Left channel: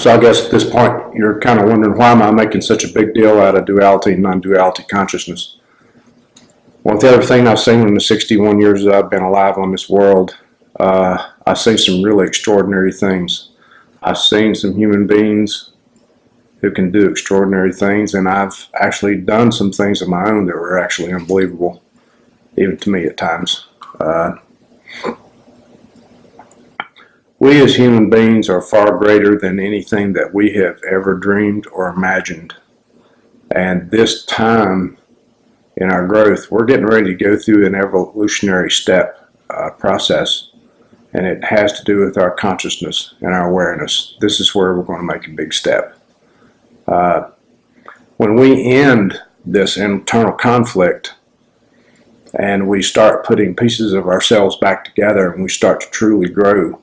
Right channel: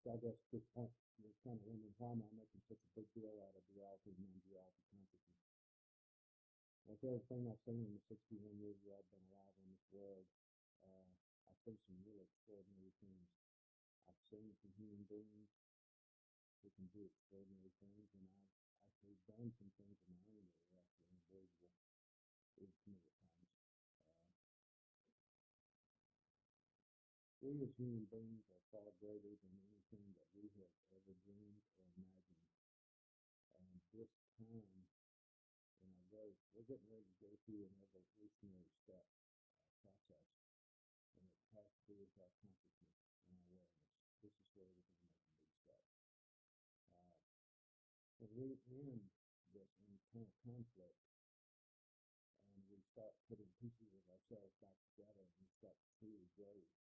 So I guess at this point, you're kind of wondering, why am I making such a big deal out of duality and non-duality consciousness? Well, with everything I've seen in the 61 years that I've been alive on this world, I've seen some really extraordinary things. I've seen some human beings who can do extraordinary things, and I've actually done some things of my own that were actually unbelievable, even to me at times. We as human beings are far greater than anything that we have ever dreamed or imagined. And this time in our growth, we're getting ready to go through an evolutionary step process. And it has to do with our consciousness and our awareness. This is where we're going to make a big step. When we end this internal conflict and we start putting pieces of ourselves back together and we start to truly grow,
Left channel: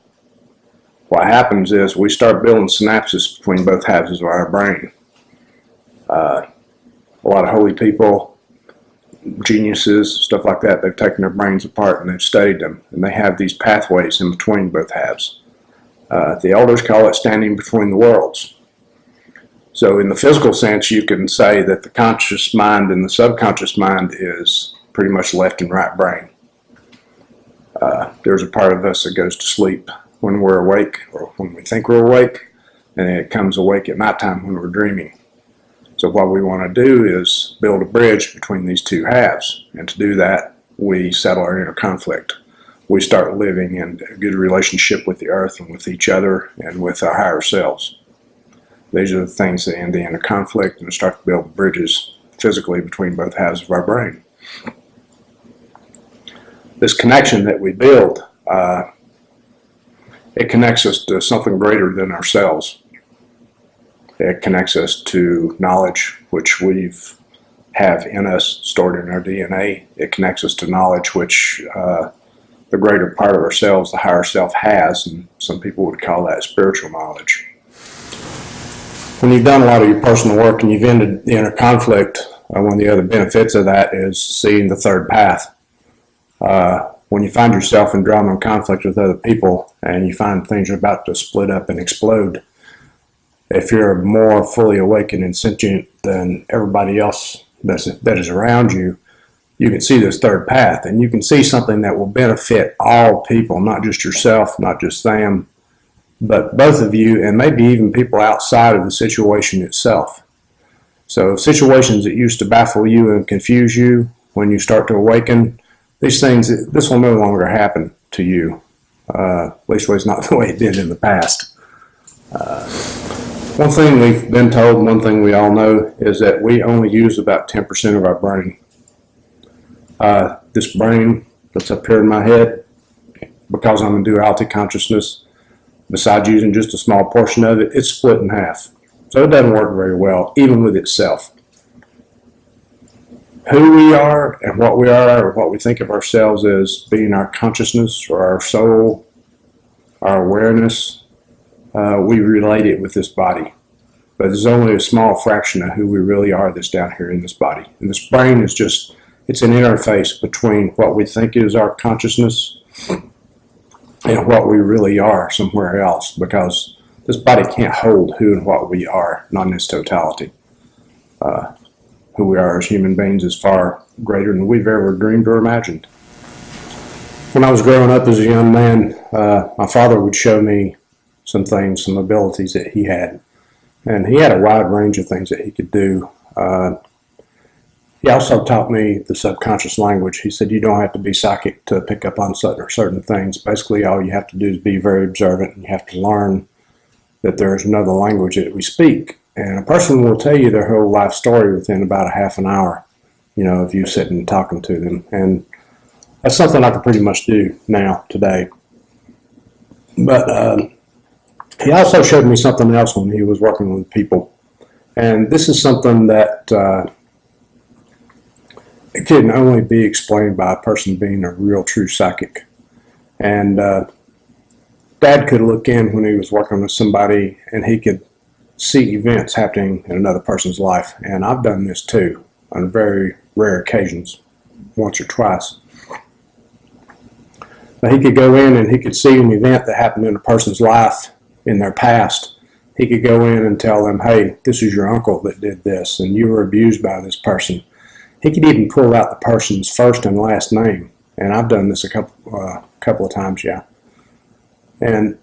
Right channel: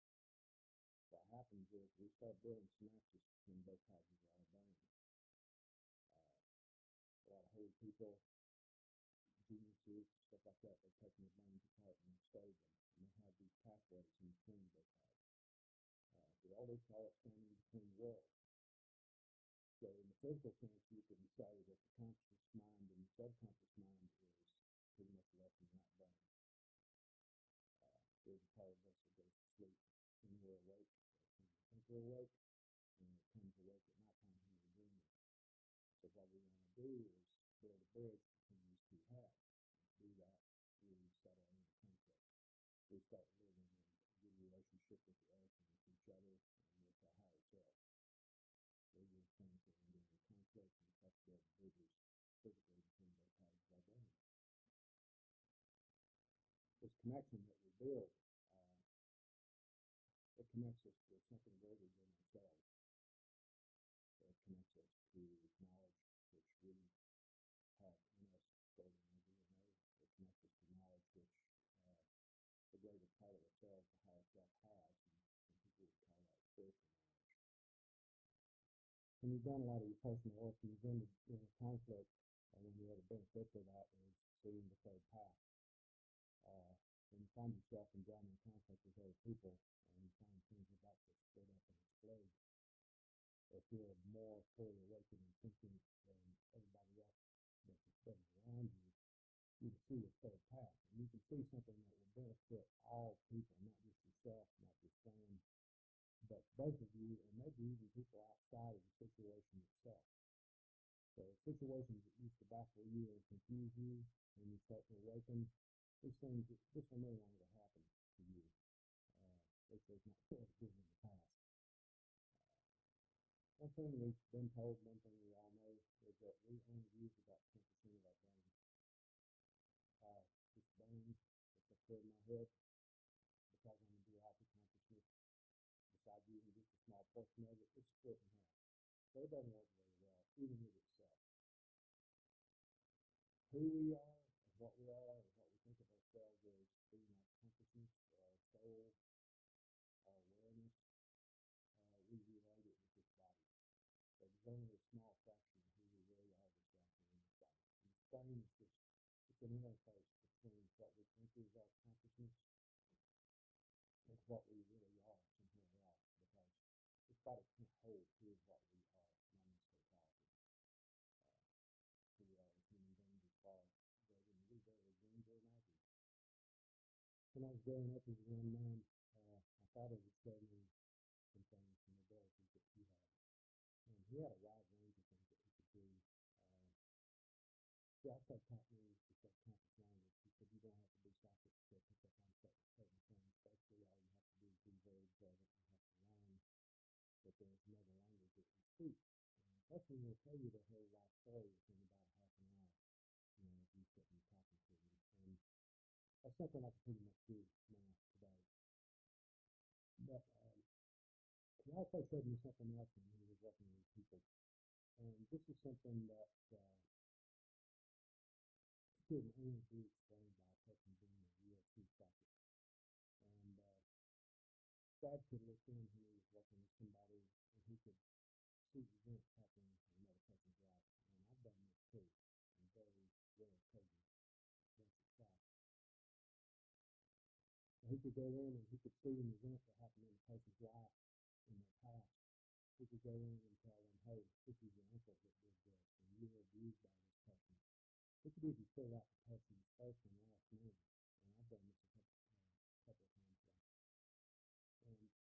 what happens is we start building synapses between both halves of our brain. A lot of holy people, geniuses, stuff like that, they've taken their brains apart and they've studied them, and they have these pathways in between both halves. The elders call it standing between the worlds. So in the physical sense, you can say that the conscious mind and the subconscious mind is pretty much left and right brain. There's a part of us that goes to sleep when we're awake, or when we think we're awake, and it comes awake at nighttime when we're dreaming. So what we want to do is build a bridge between these two halves, and to do that, we settle our inner conflict. We start living in a good relationship with the earth and with each other and with our higher selves. These are the things that end the inner conflict and start to build bridges physically between both halves of our brain. This connection that we build, it connects us to something greater than ourselves. It connects us to knowledge, which we have in us, stored in our DNA. It connects us to knowledge, which the greater part of ourselves, the higher self, has, and some people would call that spiritual knowledge. When you've done a lot of your personal work and you've ended the inner conflict, one of the other benefits of that is seeing the third path. When you find yourself in drama and conflict with other people and you find things are about to split up and explode, if you're more fully awakened and sentient than everybody else that is around you, you can see this third path, and you can see something that will benefit all people, not just yourself, not just them, but both of you, and maybe even people outside of the situation itself. So situations that used to baffle you and confuse you, when you start to awaken, these things, this will no longer happen to you. At least it's not the way it did in the past. One thing we've been told, one thing we all know, is that we only use about 10% of our brain. This brain that's up here in my head, because I'm in duality consciousness, besides using just a small portion of it, it's split in half. So it doesn't work very well, even with itself. Who we are and what we are, or what we think of ourselves as being our consciousness or our soul, our awareness, we relate it with this body. But there's only a small fraction of who we really are that's down here in this body. And this brain is just, it's an interface between what we think is our consciousness and what we really are somewhere else, because this body can't hold who and what we are, not in its totality. Who we are as human beings is far greater than we've ever dreamed or imagined. When I was growing up as a young man, my father would show me some things, some abilities that he had. And he had a wide range of things that he could do. He also taught me the subconscious language. He said you don't have to be psychic to pick up on certain things. Basically, all you have to do is be very observant, and you have to learn that there's another language that we speak. And a person will tell you their whole life story within about a half an hour, of you sitting and talking to them. And that's something I can pretty much do now, today. But he also showed me something else when he was working with people. And this is something that it can only be explained by a person being a real true psychic. And Dad could look in when he was working with somebody and he could see events happening in another person's life. And I've done this too on very rare occasions, once or twice. But he could go in and he could see an event that happened in a person's life in their past, He could go in and tell them, hey, this is your uncle that did this, and you were abused by this person. He could even pull out the person's first and last name. And I've done this a couple of times, yeah. And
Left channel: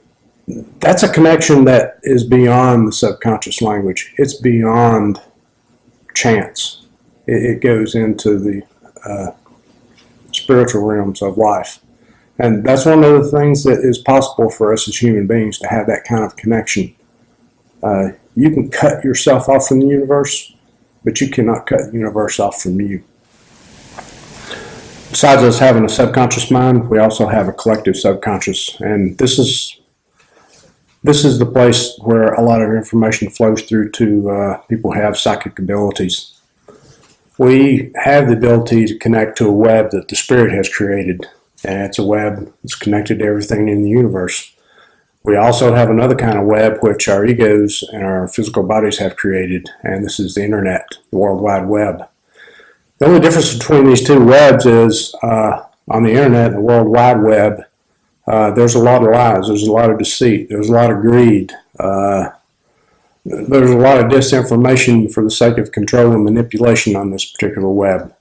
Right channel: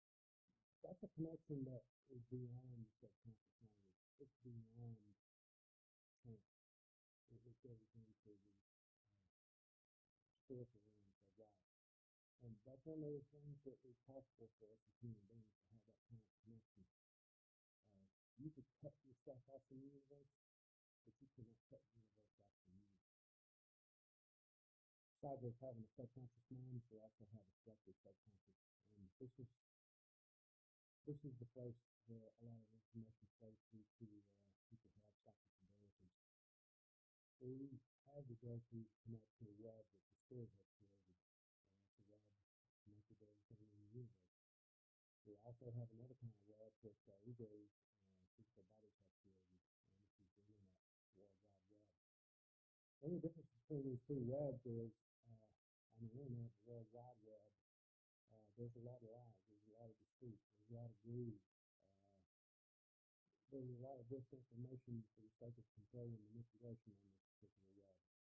that's a connection that is beyond the subconscious language. It's beyond chance. It goes into the spiritual realms of life. And that's one of the things that is possible for us as human beings, to have that kind of connection. You can cut yourself off from the universe, but you cannot cut the universe off from you. Besides us having a subconscious mind, we also have a collective subconscious. And this is the place where a lot of information flows through to people who have psychic abilities. We have the ability to connect to a web that the Spirit has created. And it's a web that's connected to everything in the universe. We also have another kind of web which our egos and our physical bodies have created, and this is the internet, the World Wide Web. The only difference between these two webs is on the internet and the World Wide Web, there's a lot of lies, there's a lot of deceit, there's a lot of greed, there's a lot of disinformation for the sake of control and manipulation on this particular web.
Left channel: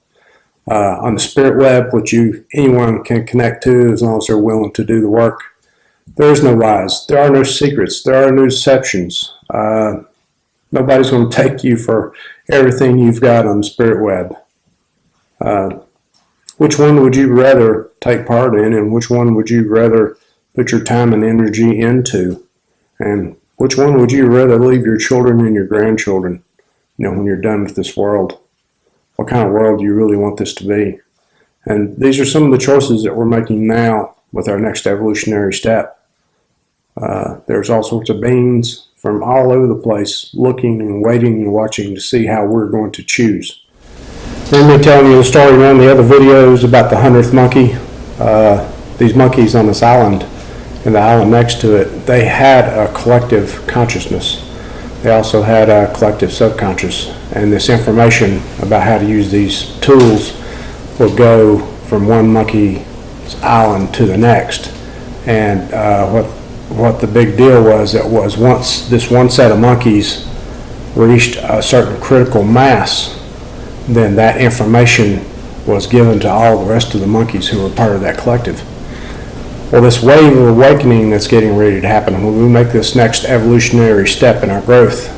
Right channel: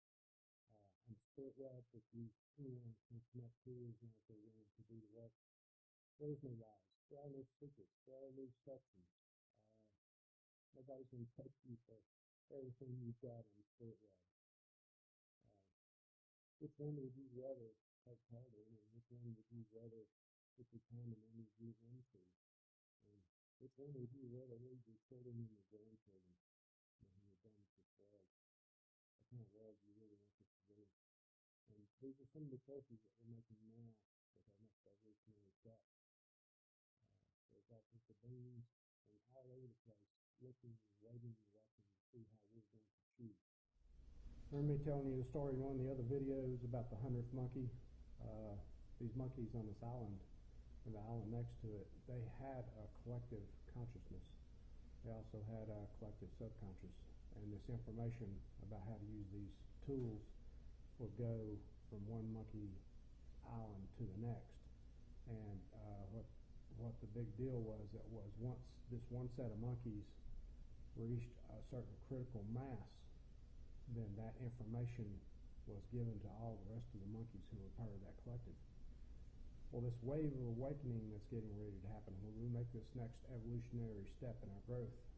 On the spirit web, which anyone can connect to as long as they're willing to do the work, there is no lies. There are no secrets. There are no deceptions. Nobody's going to take you for everything you've got on the spirit web. Which one would you rather take part in, and which one would you rather put your time and energy into? And which one would you rather leave your children and your grandchildren, when you're done with this world? What kind of world do you really want this to be? And these are some of the choices that we're making now with our next evolutionary step. There's all sorts of beings from all over the place looking and waiting and watching to see how we're going to choose. Remember me telling you the story in one of the other videos about the 100th monkey? These monkeys on this island and the island next to it, they had a collective consciousness. They also had a collective subconscious, and this information about how to use these tools would go from one monkey's island to the next. And what the big deal was, it was once this one set of monkeys reached a certain critical mass, then that information was given to all the rest of the monkeys who were part of that collective. Well, this wave of awakening that's getting ready to happen, when we make this next evolutionary step in our growth,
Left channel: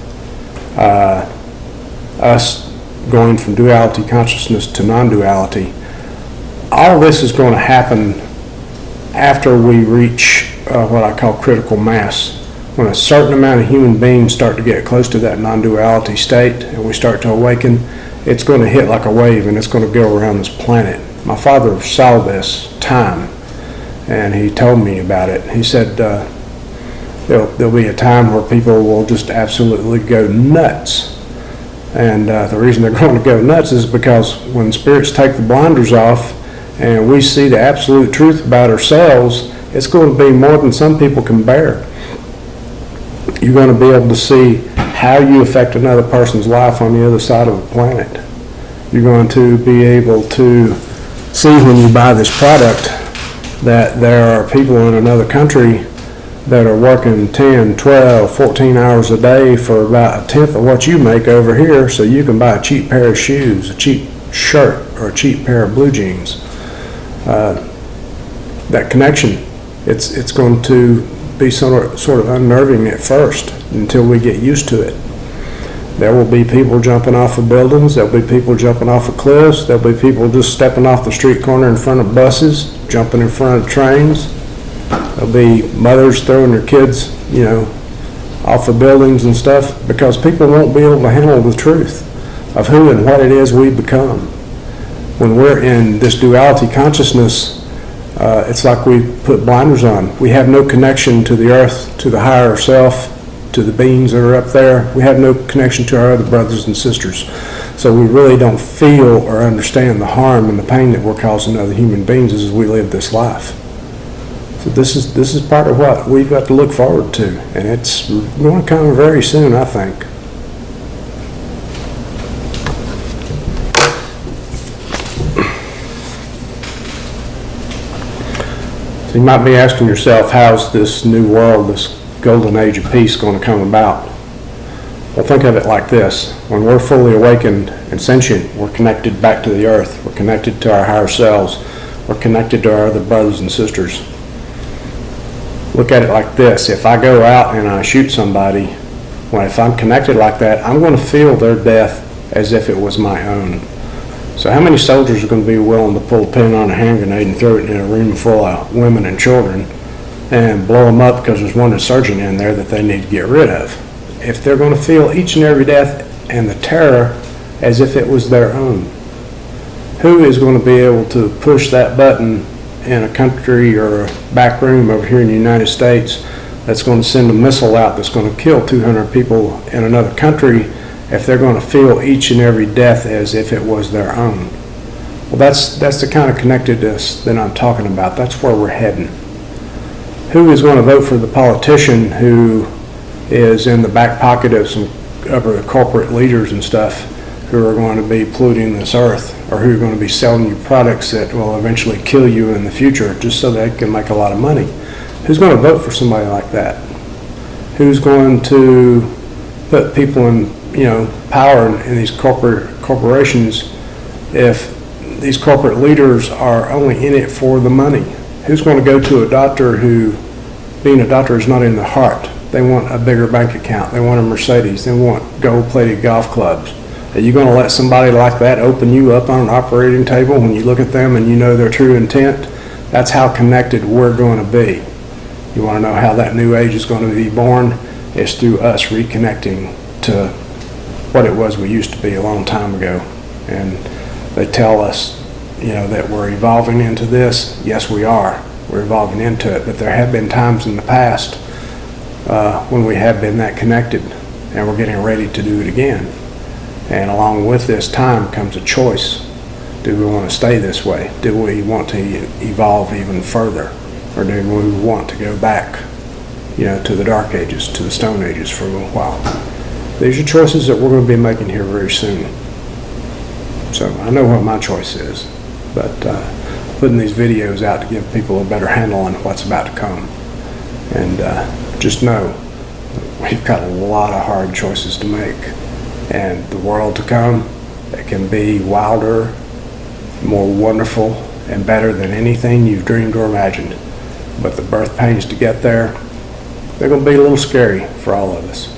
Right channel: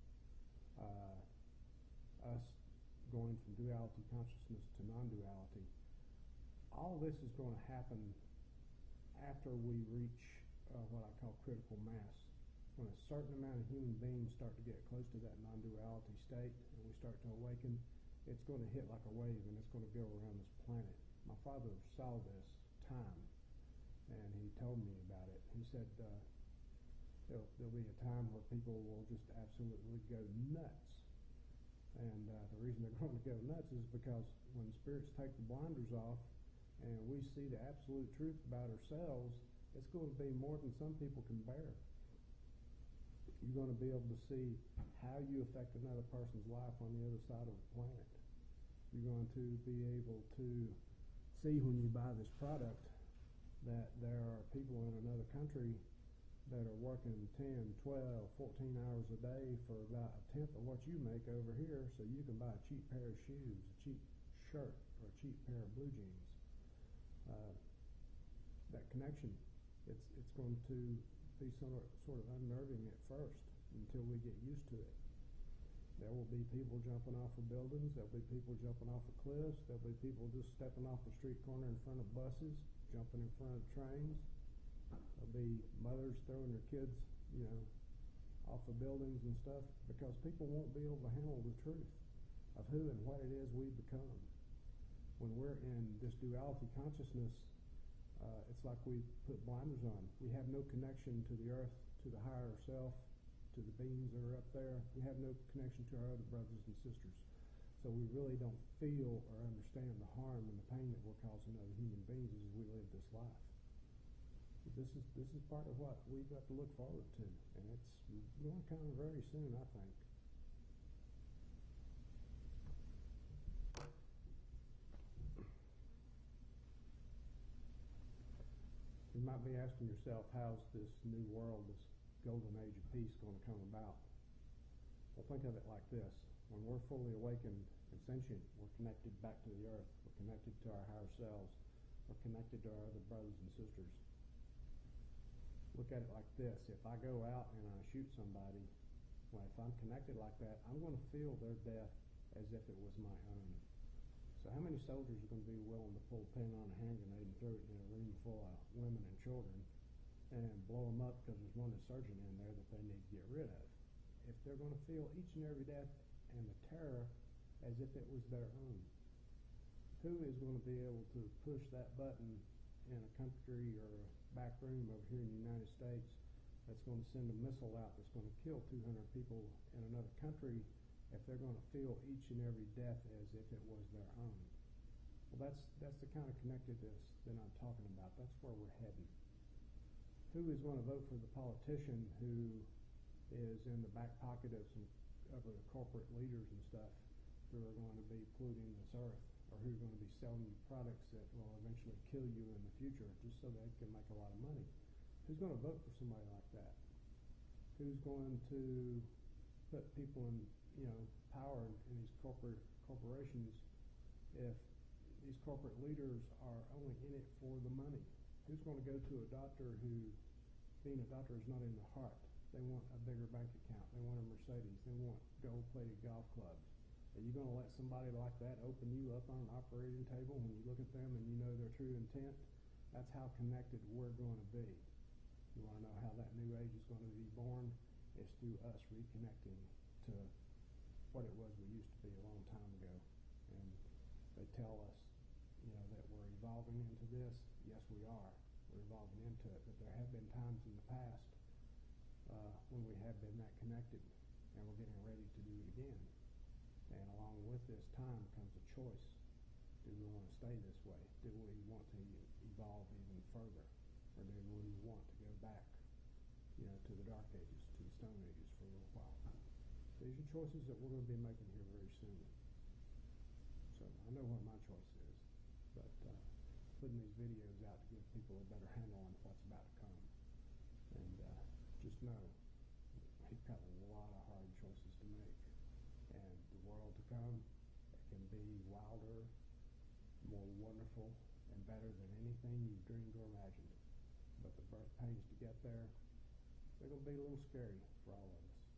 us going from duality consciousness to non-duality, all of this is going to happen after we reach what I call critical mass. When a certain amount of human beings start to get close to that non-duality state and we start to awaken, it's going to hit like a wave and it's going to go around this planet. My father saw this time, and he told me about it. He said there'll be a time where people will just absolutely go nuts. And the reason they're going to go nuts is because when spirits take the blinders off and we see the absolute truth about ourselves, it's going to be more than some people can bear. You're going to be able to see how you affect another person's life on the other side of the planet. You're going to be able to see when you buy this product that there are people in another country that are working 10, 12, 14 hours a day for about a tenth of what you make over here, so you can buy a cheap pair of shoes, a cheap shirt, or a cheap pair of blue jeans. That connection, it's going to be sort of unnerving at first until we get used to it. There will be people jumping off of buildings, there'll be people jumping off of cliffs, there'll be people just stepping off the street corner in front of buses, jumping in front of trains. There'll be mothers throwing their kids, off of buildings and stuff, because people won't be able to handle the truth of who and what it is we become. When we're in this duality consciousness, it's like we put blinders on. We have no connection to the earth, to the higher self, to the beings that are up there. We have no connection to our other brothers and sisters. So we really don't feel or understand the harm and the pain that we're causing other human beings as we live this life. So this is part of what we've got to look forward to, and it's going to come very soon, I think. So you might be asking yourself, how's this new world golden age of peace going to come about? Well, think of it like this. When we're fully awakened and sentient, we're connected back to the earth. We're connected to our higher selves. We're connected to our other brothers and sisters. Look at it like this. If I go out and I shoot somebody, if I'm connected like that, I'm going to feel their death as if it was my own. So how many soldiers are going to be willing to pull a pin on a hand grenade and throw it in a room full of women and children and blow them up because there's one insurgent in there that they need to get rid of? If they're going to feel each and every death and the terror as if it was their own, who is going to be able to push that button in a country or a back room over here in the United States that's going to send a missile out that's going to kill 200 people in another country if they're going to feel each and every death as if it was their own? Well, that's the kind of connectedness that I'm talking about. That's where we're heading. Who is going to vote for the politician who is in the back pocket of some other corporate leaders and stuff who are going to be polluting this earth, or who are going to be selling you products that will eventually kill you in the future just so they can make a lot of money? Who's going to vote for somebody like that? Who's going to put people in, power in these corporations if these corporate leaders are only in it for the money? Who's going to go to a doctor who, being a doctor, is not in the heart? They want a bigger bank account. They want a Mercedes. They want gold-plated golf clubs. Are you going to let somebody like that open you up on an operating table when you look at them and you know their true intent? That's how connected we're going to be. You want to know how that new age is going to be born? It's through us reconnecting to what it was we used to be a long time ago. And they tell us, that we're evolving into this. Yes, we are. We're evolving into it. But there have been times in the past when we have been that connected, and we're getting ready to do it again. And along with this time comes a choice. Do we want to stay this way? Do we want to evolve even further? Or do we want to go back, to the dark ages, to the stone ages for a little while? These are choices that we're going to be making here very soon. So I know what my choice is, but putting these videos out to give people a better handle on what's about to come. And just know we've got a lot of hard choices to make. And the world to come, it can be wilder, more wonderful, and better than anything you've dreamed or imagined. But the birth pains to get there, they're going to be a little scary for all of us.